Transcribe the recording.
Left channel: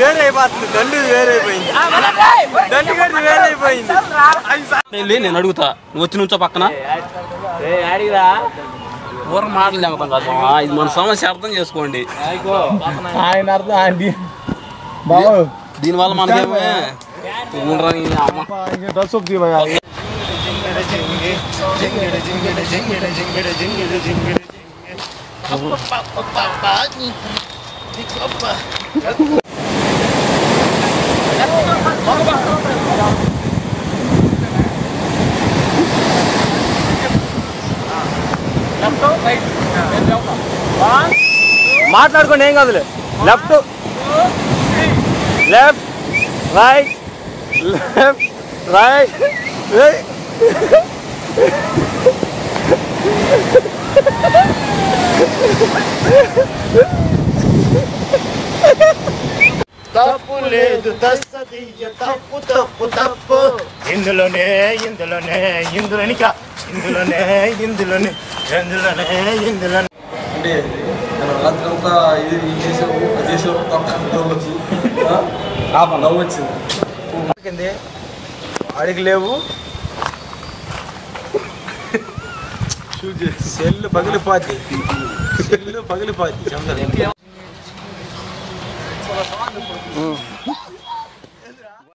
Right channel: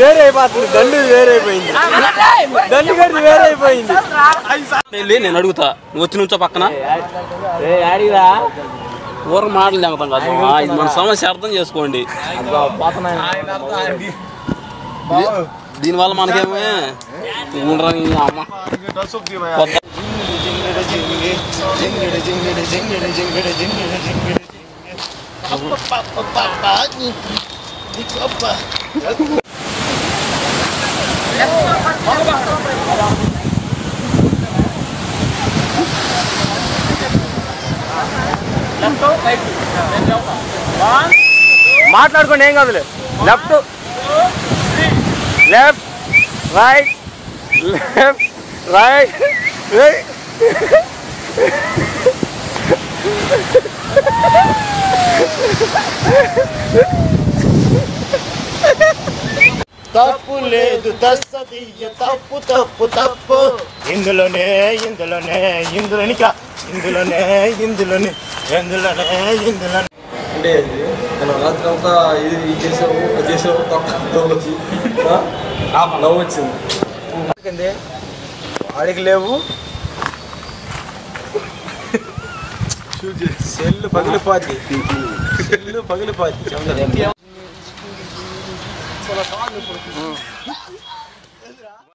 వేరే అయిపోతుంది, దండు వేరైపోయింది, దండు గడ్డి వేరైపోయింది. నేను అడుగుతా, నువ్వు వచ్చి నుంచో పక్కన ఊర మాటలు లేకపోతాం కాదు, ఇది మన సమస్య అర్థం చేసుకోండి. దీనివల్ల మనకేమే అమ్మ మాట్లాడుకోండి, ఏం కాదులే. Left left right left right right. తప్పు లేదు తస్సదియ్య, తప్పు తప్పు తప్పు, ఇందులోనే ఇందులోనే ఇందులోని ఇందులోనే ఇందులోనే ఇందులోనే ఇందులోనే. అంటే నేను రాత్రి అంతా ఇది చేసావు అది చేసావు నవ్వు వచ్చింది. వాడికి లేవు, సెల్లు పగిలిపోద్ది, సెల్లు పగిలిపోద్ది.